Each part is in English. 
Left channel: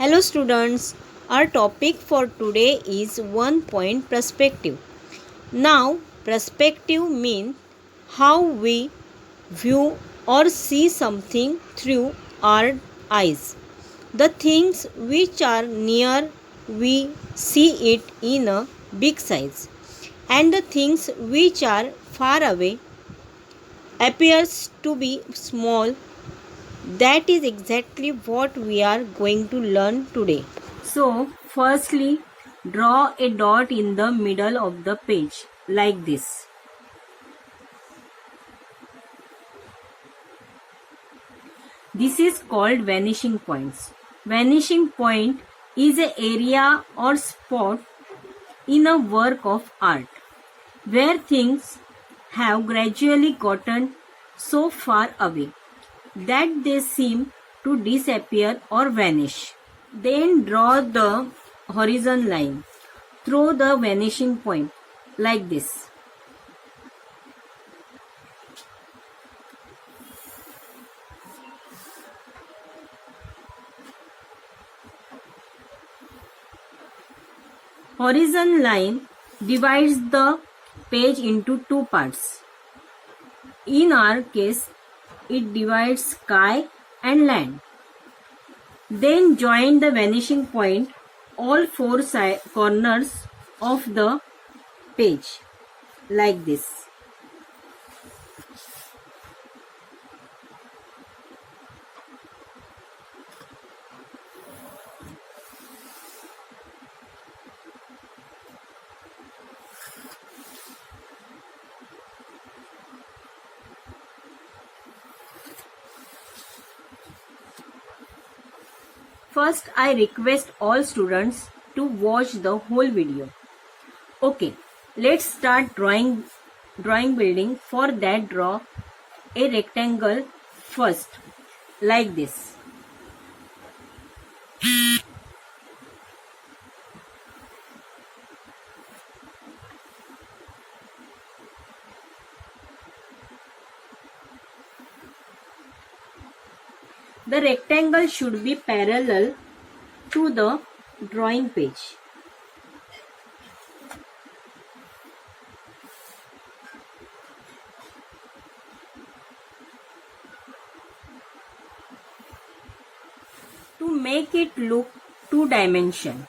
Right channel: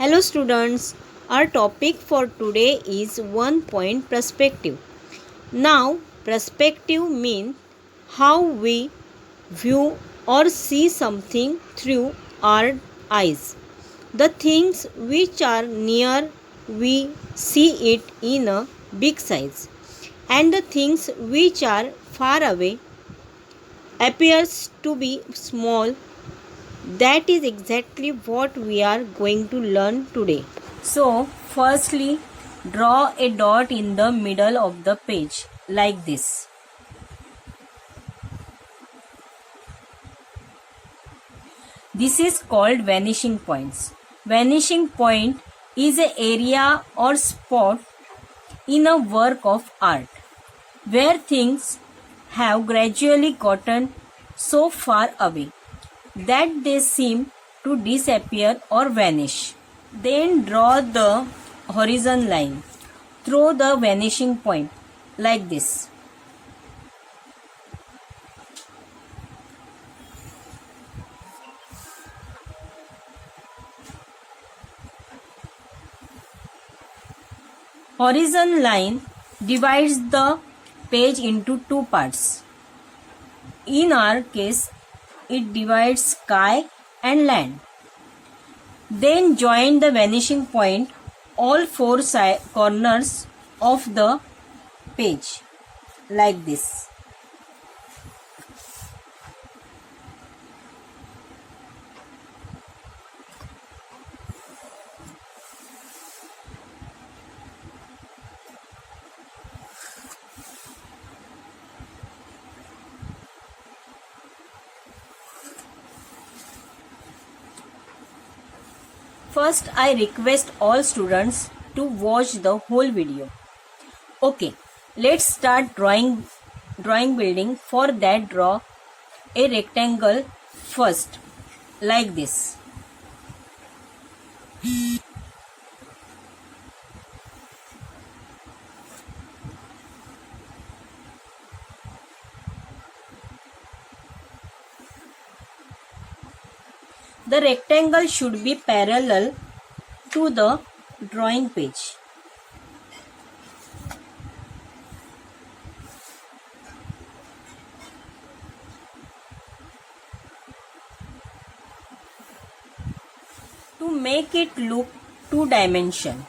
Hello students, our topic for today is one point perspective. Now, perspective means how we view or see something through our eyes. The things which are near, we see it in a big size, and the things which are far away appears to be small. That is exactly what we are going to learn today. So, firstly, draw a dot in the middle of the page like this. This is called vanishing points. Vanishing point is an area or spot in a work of art where things have gradually gotten so far away that they seem to disappear or vanish. Then draw the horizon line through the vanishing point like this. Horizon line divides the page into two parts. In our case, it divides sky and land. Then join the vanishing point all four corners of the page like this. First, I request all students to watch the whole video. Okay, let's start drawing building. For that, draw a rectangle first like this. The rectangle should be parallel to the drawing page. To make it look two-dimensional,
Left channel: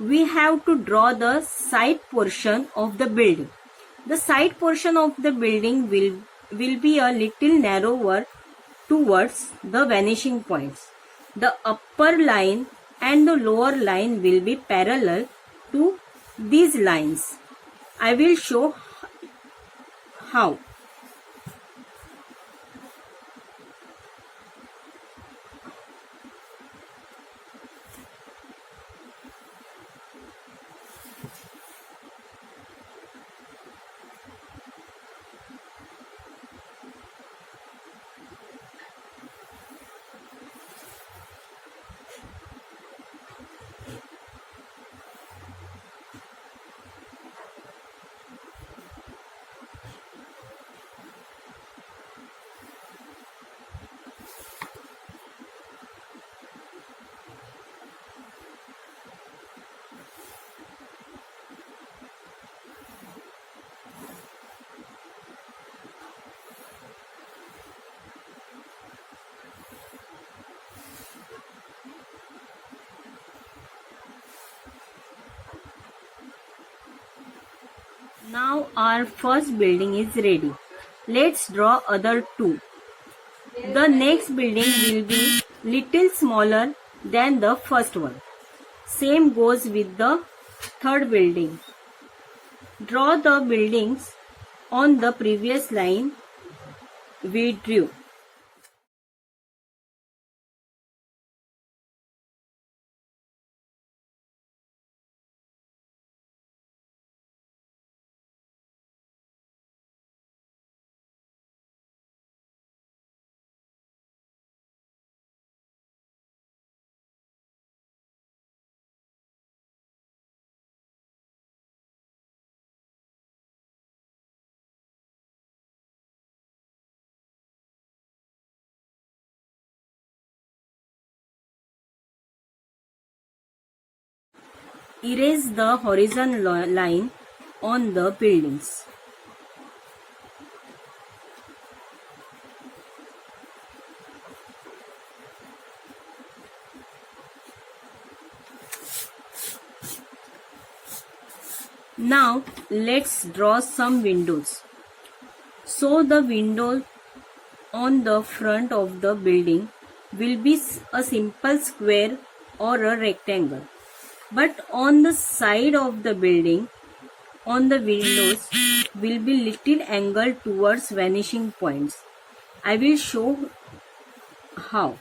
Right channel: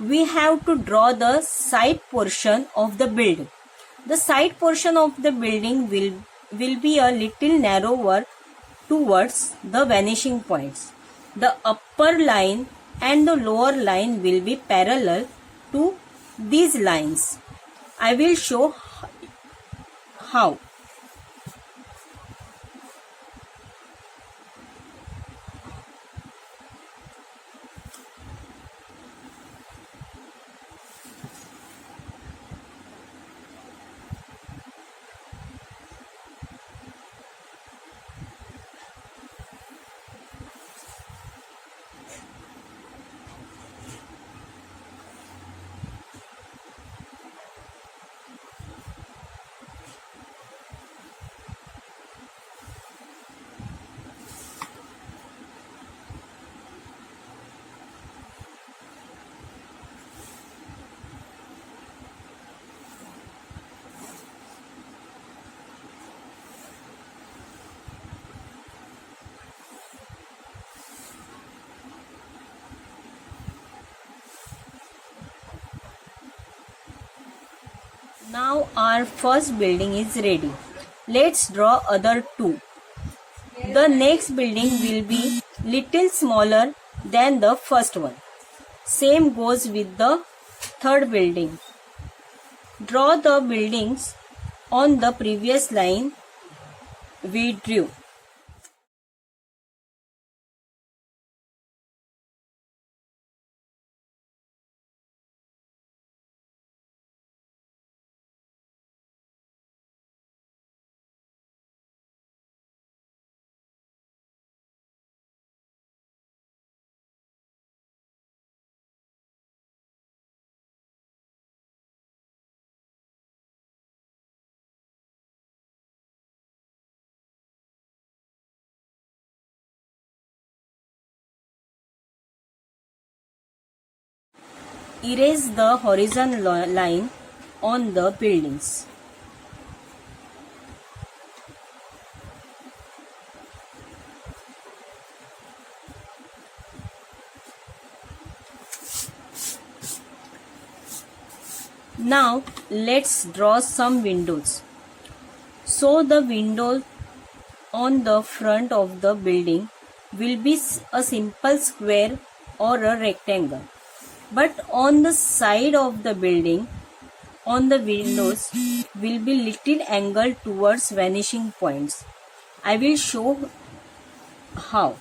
we have to draw the side portion of the building. The side portion of the building will be a little narrower towards the vanishing points. The upper line and the lower line will be parallel to these lines. I will show how. Now our first building is ready. Let's draw other two. The next building will be little smaller than the first one. Same goes with the third building. Draw the buildings on the previous line we drew. erase the horizontal line on the buildings. Now let's draw some windows. So the window on the front of the building will be a simple square or a rectangle. But on the side of the building, on the windows will be little angle towards vanishing points. I will show how.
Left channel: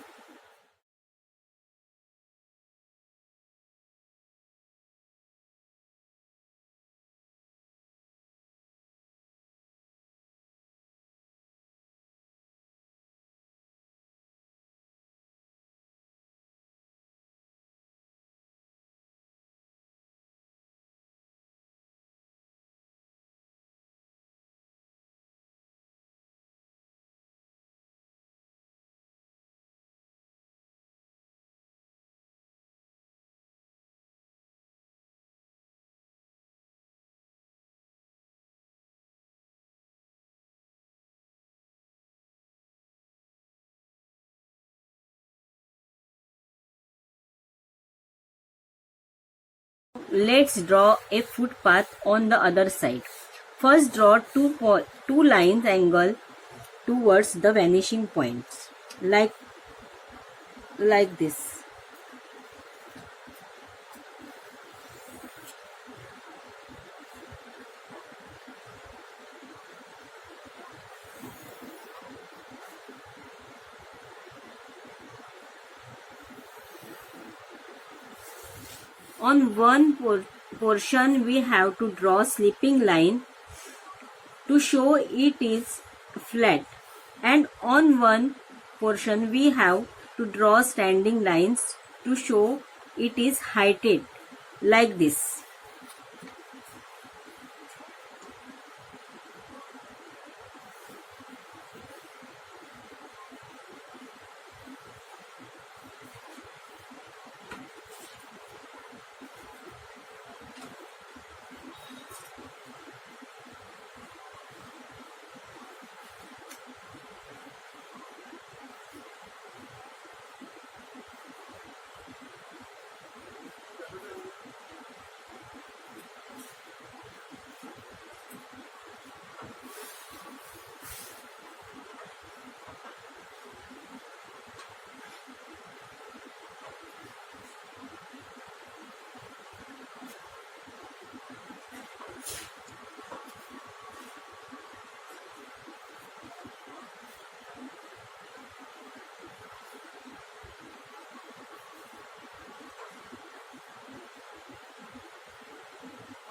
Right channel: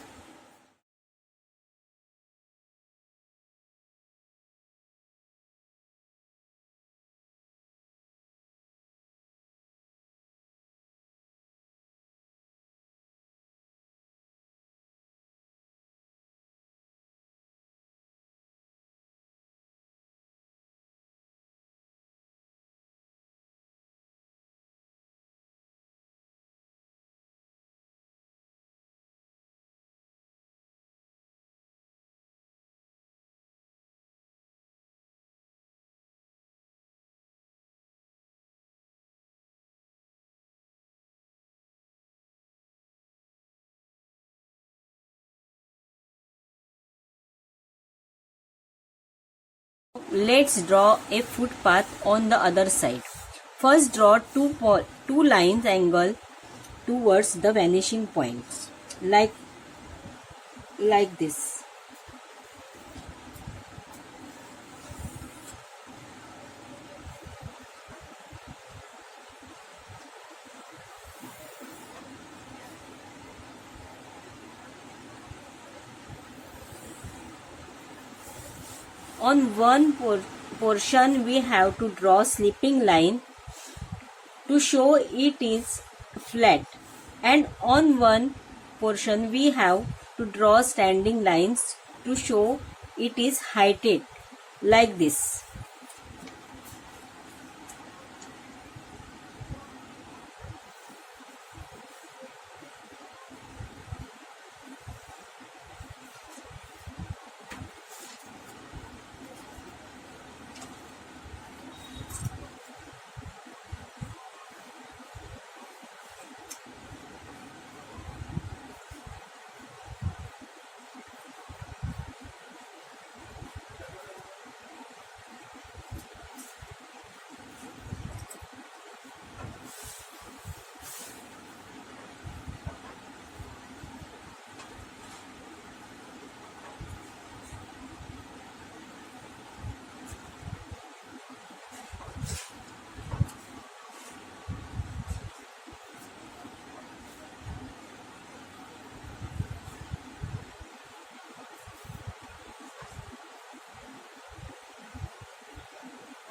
Let's draw a footpath on the other side. First draw two lines angle towards the vanishing points like this. On one portion we have to draw sleeping line to show it is flat, and on one portion we have to draw standing lines to show it is heighted like this.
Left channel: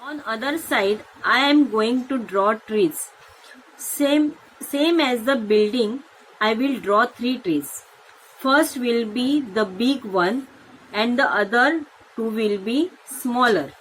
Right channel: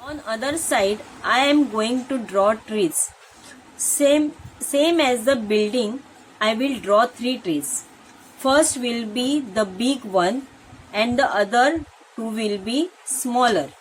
On other side, I am going to draw trees. Same as the building, I will draw three trees. First will be the big one and the other two will be smaller.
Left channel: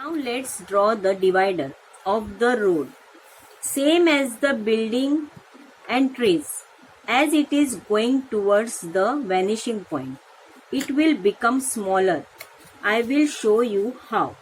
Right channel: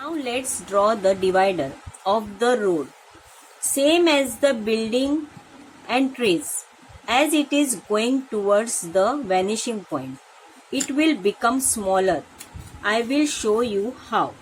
Now let's draw the divider of the road. Same as the building and trees. As it is going towards the vanishing point, it will become smaller. I will show you how.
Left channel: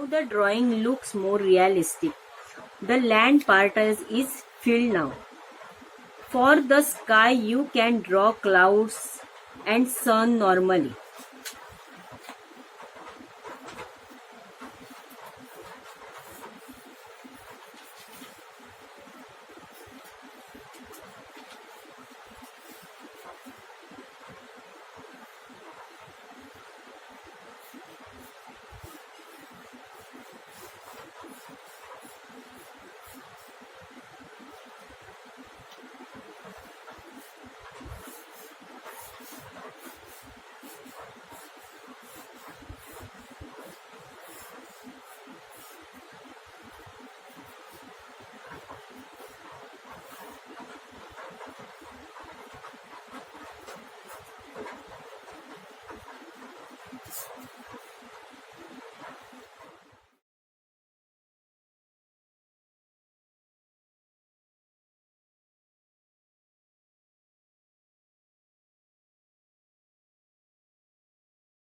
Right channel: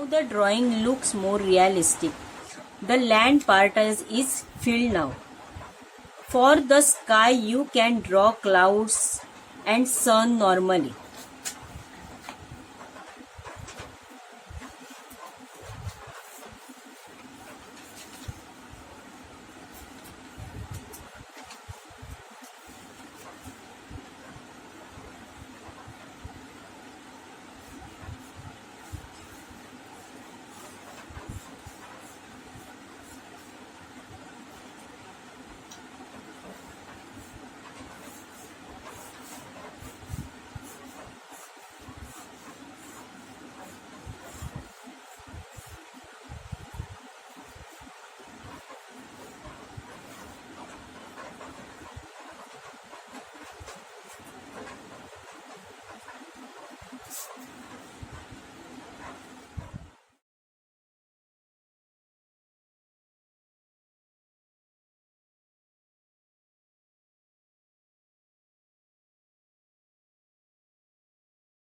Now the drawing looks more realistic. The land part is filled now. For the sky, you can draw clouds and sun normally.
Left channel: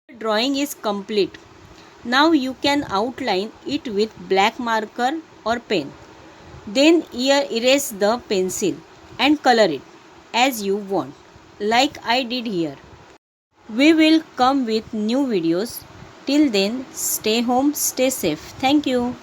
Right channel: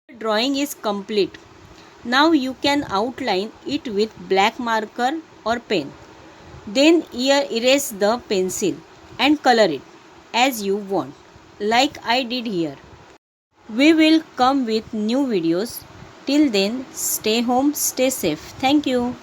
The drawing is complete. Now you can outline it with black marker or pen. Then erase the pencil and color it as you want, like I did here. We will come with new videos. Till then, stay home, stay safe. Thank you.